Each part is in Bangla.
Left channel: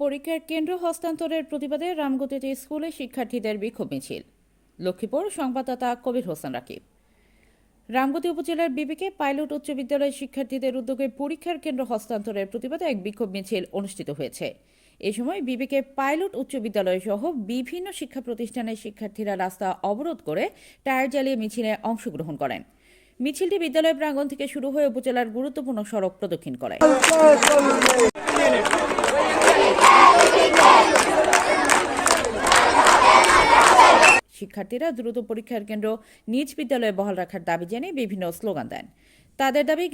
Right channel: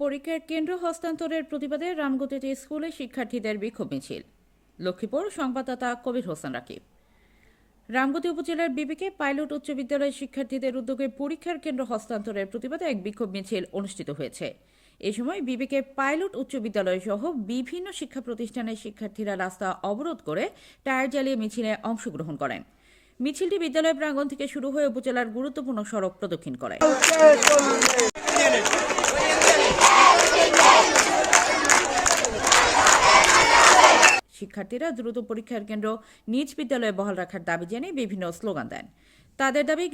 পরীক্ষার কেন্দ্র হস্তান্তরের প্রতিবাদে রামগতিতে স্কুলে শিক্ষার্থীদের বিক্ষোভ মিছিল। লক্ষ্মীপুর, সংবাদদাতা কবির হোসেন রাকিব। রামগতি উপজেলার বিবিকে পাইলট উচ্চ বিদ্যালয়ের শিক্ষার্থীদের উদ্যোগে পরীক্ষার কেন্দ্র হস্তান্তরের প্রতিবাদে এক বিক্ষোভ মিছিল অনুষ্ঠিত হয়েছে। এ সময় বিবিকে পাইলট উচ্চ বিদ্যালয় সহ বিভিন্ন শিক্ষা প্রতিষ্ঠানের শিক্ষার্থীরা রাস্তা অবরোধ করে টায়ার জ্বালিয়ে মিছিলে অংশগ্রহণ করেন। মিছিলটি বিদ্যালয় প্রাঙ্গণ থেকে শুরু হয়ে উপজেলার গুরুত্বপূর্ণ সড়ক প্রদক্ষিণ করে। শিক্ষার্থীরা দ্রুত পরীক্ষার কেন্দ্র নিজ বিদ্যালয়ে বহাল রাখার দাবি জানিয়ে বিভিন্ন স্লোগান দেন। তাদের দাবি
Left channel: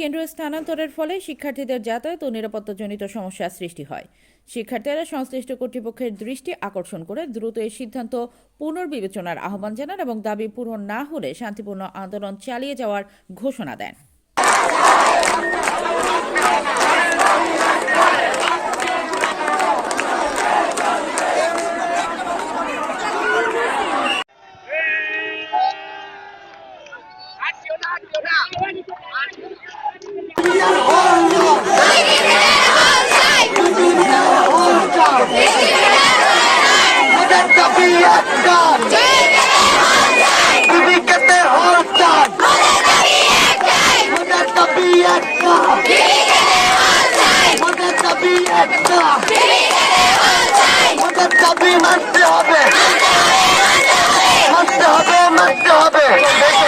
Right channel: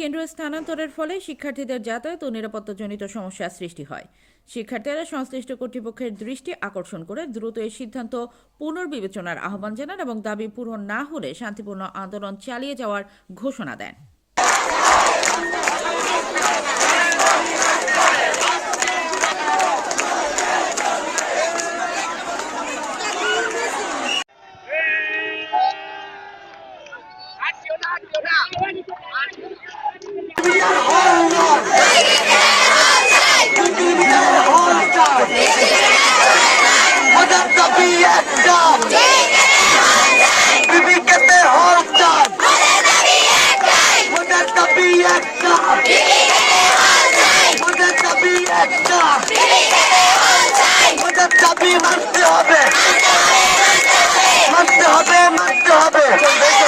কেন্দ্র স্থানান্তরের ফলে শিক্ষার্থীদের যাতায়াত ও নিরাপত্তাজনিত সমস্যার সৃষ্টি হয়। শিক্ষার্থীরা সংশ্লিষ্ট কর্তৃপক্ষের দৃষ্টি আকর্ষণ করে দ্রুত এই সিদ্ধান্ত পুনর্বিবেচনার আহ্বান জানান এবং দাবি পূরণ না হলে শান্তিপূর্ণ আন্দোলন চালিয়ে যাওয়ার ঘোষণা দেন। মানতে হবে।